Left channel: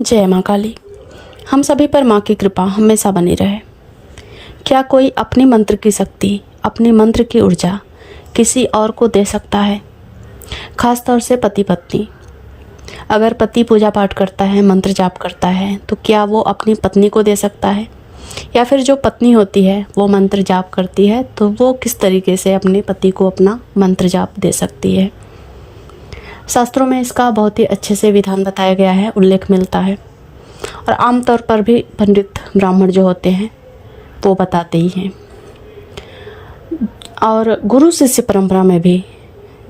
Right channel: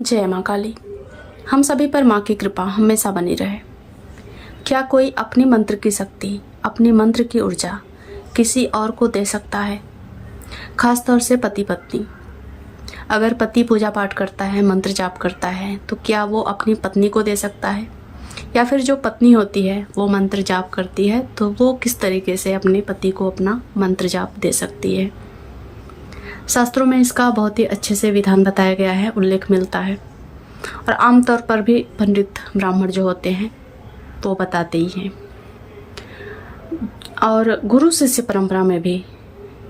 जय माँ काली। हम सभी पर माँ की कृपा हमेशा बनी रहे। क्या कोई अपने मंत्र की शक्ति, अपने मंत्र की ऊर्जा किसी और को दे सकता है? खास तौर से पति पत्नी। अगर पति पूजा पाठ करता है, मंत्र जाप करता है, तो क्या वो अपनी पत्नी को दे सकता है? या फिर जो पत्नी होती है वो मंत्र जाप करती है, तो वो किस तरीके से अपने पति को अपना मंत्र जाप दे सकती है? शास्त्रों में इसका बहुत ही अच्छे से विधान बताया गया है, उल्लेख मिलता है। और आमतौर पर भी पंडित ब्राह्मण जो होते हैं वो बताते ही हैं। और गुरु शिष्य परंपरा में भी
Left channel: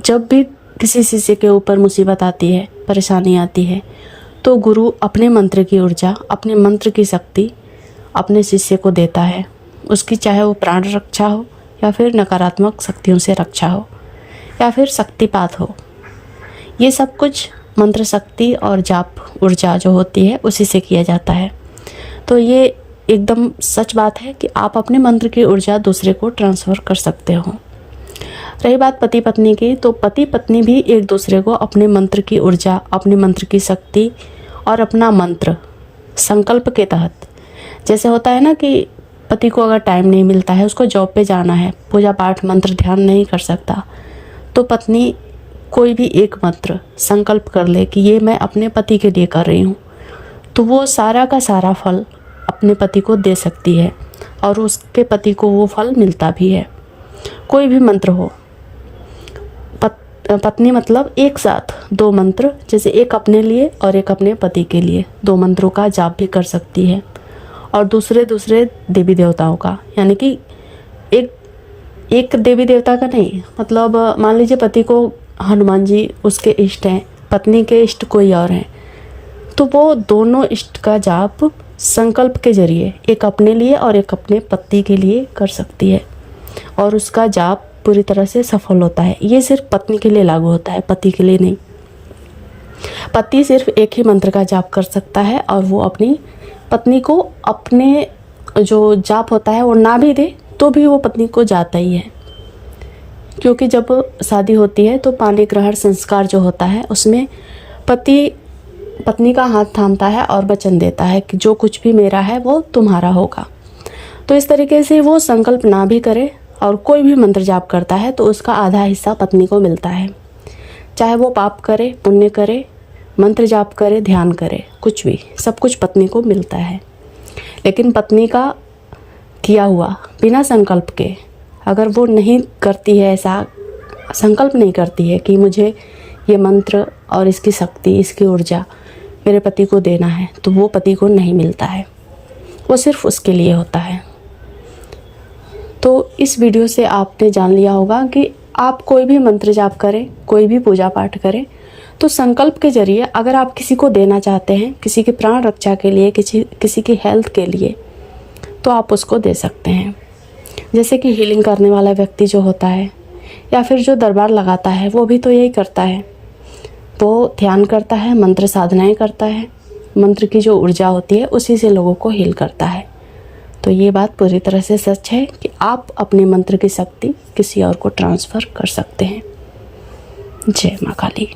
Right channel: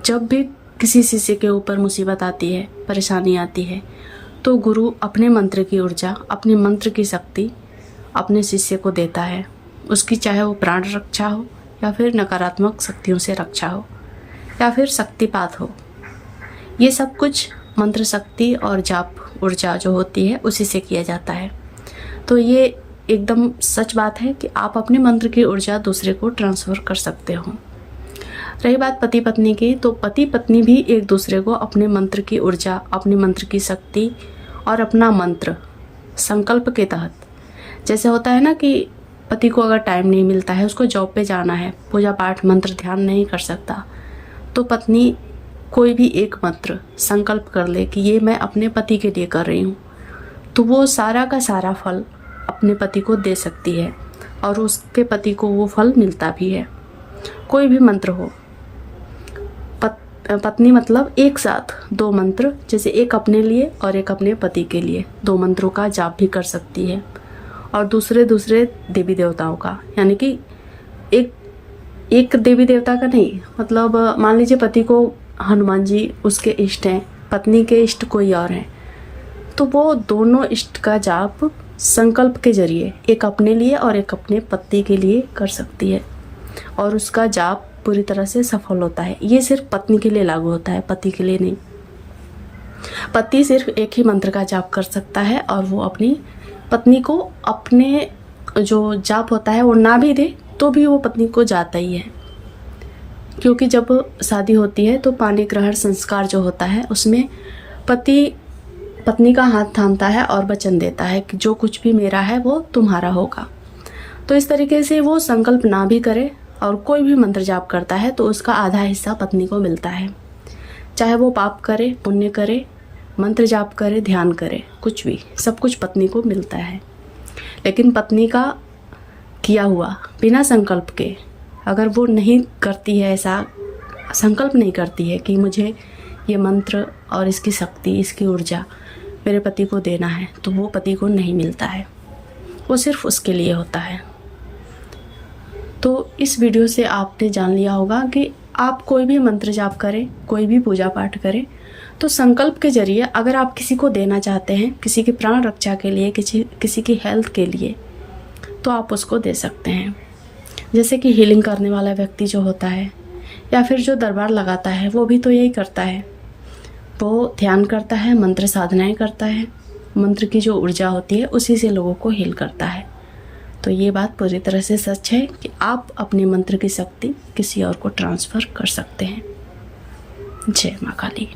जब भी किसी शिष्य के ऊपर मुसीबत आती है, परेशानी आती है, तो गुरु अपने मंत्र की ऊर्जा, अपने मंत्र की शक्ति अपने शिष्य को देता है। उसकी चाहे वो प्राण रक्षा हो, या फिर नकारात्मक शक्तियों से रक्षा हो, या फिर शक्तिपात हो। ये सब कुछ मंत्र शक्ति और जाप ऊर्जा जो होती है उसी से किया जाता है। तो ये एकदम सच बात है कि आप अपने मंत्र की ऊर्जा दूसरे को ट्रांसफ़र कर सकते हो। रही बात पति पत्नी की, तो पति पत्नी भी एक दूसरे को अपने मंत्र की ऊर्जा, अपने मंत्र की शक्ति और अपना मंत्र संकल्प के तहत, जैसे होता है ना कि पति को अगर टाइम नहीं मिलता है, उसको जॉब पे जाना है, पूजा पाठ मंत्र ध्यान नहीं कर सकता, तो पत्नी कोई भी एक मंत्र संकल्प कर ले कि ये मैं अपने पति के लिए कर रही हूँ, तो वो सारा का सारा फल अपने पति को दे सकती है और उसके पति को वो फल मिलता भी है। कोई भी मंत्र हो, पत्नी मतलब एक साथ दो मंत्र, जैसे एक अपने लिए और एक अपने पति के लिए, दो मंत्रों का जाप भी कर सकती है। और दूसरे देवी देवताओं का, यानी कि एक देवी देवता का नहीं, मतलब मान लीजिए पति को हनुमान जी उसके इष्ट हैं, पत्नी के इष्ट कोई और हैं, तो वो दोनों इष्ट का जाप संकल्प के जरिए एक अपने लिए और एक अपने पति के लिए कर सकती है, और उसका जाप पूरी तरह से सफल होता है। ये सिर्फ पत्नी के लिए लागू होता है, पति के लिए नहीं। पति सिर्फ एक ही मंत्र का जाप कर सकता है, और वो अपनी पत्नी को अपने जो जाप होता है वो ना भी दे तो भी वो पत्नी को जाता ही है। क्योंकि जब शादी होती है तो पाणी ग्रहण संस्कार जो होता है उसमें पति पत्नी का हाथ थामता है और वचन देता है कि जो कुछ भी मेरा है वो तुम्हारा होगा। तो इस तरीके से वो संकल्प ना भी करे और कोई भी मंत्र जाप करता है तो उसका आधा हिस्सा पत्नी को मिलता है। चाहे वो पाप करे, पुण्य करे, मंत्र जाप करे, ध्यान करे, कुछ भी, सब कुछ पत्नी को मिलता है। लेकिन पत्नी का किया हुआ बिना संकल्प के, अगर वो नहीं करती है, ऐसा संकल्प नहीं करती है कि मुझे ये मंत्र और इसकी शक्ति, इसकी ऊर्जा मेरे पति को देना है, तो वो पति को नहीं मिलता है, वो सिर्फ उसके लिए होता है। तो इस वीडियो से आपने जान लिया होगा कि आप कोई भी मंत्र जाप करें, कोई भी पूजा पाठ करें, तो संकल्प के जरिए अगर आप किसी को देना चाहते हैं, किसी की प्राण रक्षा के लिए, किसी की हेल्थ के लिए, तो आप उसको दे सकते हैं। जैसे कि हीलिंग करने वाला व्यक्ति जो होता है, या फिर जो दरबार लगाता है, वो भी तो यही करता है। वो ध्यान करता है, मंत्र साधनाएं करता है, मंत्र की जो ऊर्जा होती है उसी से लोगों को हील करता है। तो ये बात पूरी तरह से सच है कि आप अपने मंत्र की शक्ति किसी और को ट्रांसफ़र कर सकते हैं। जय माँ काली।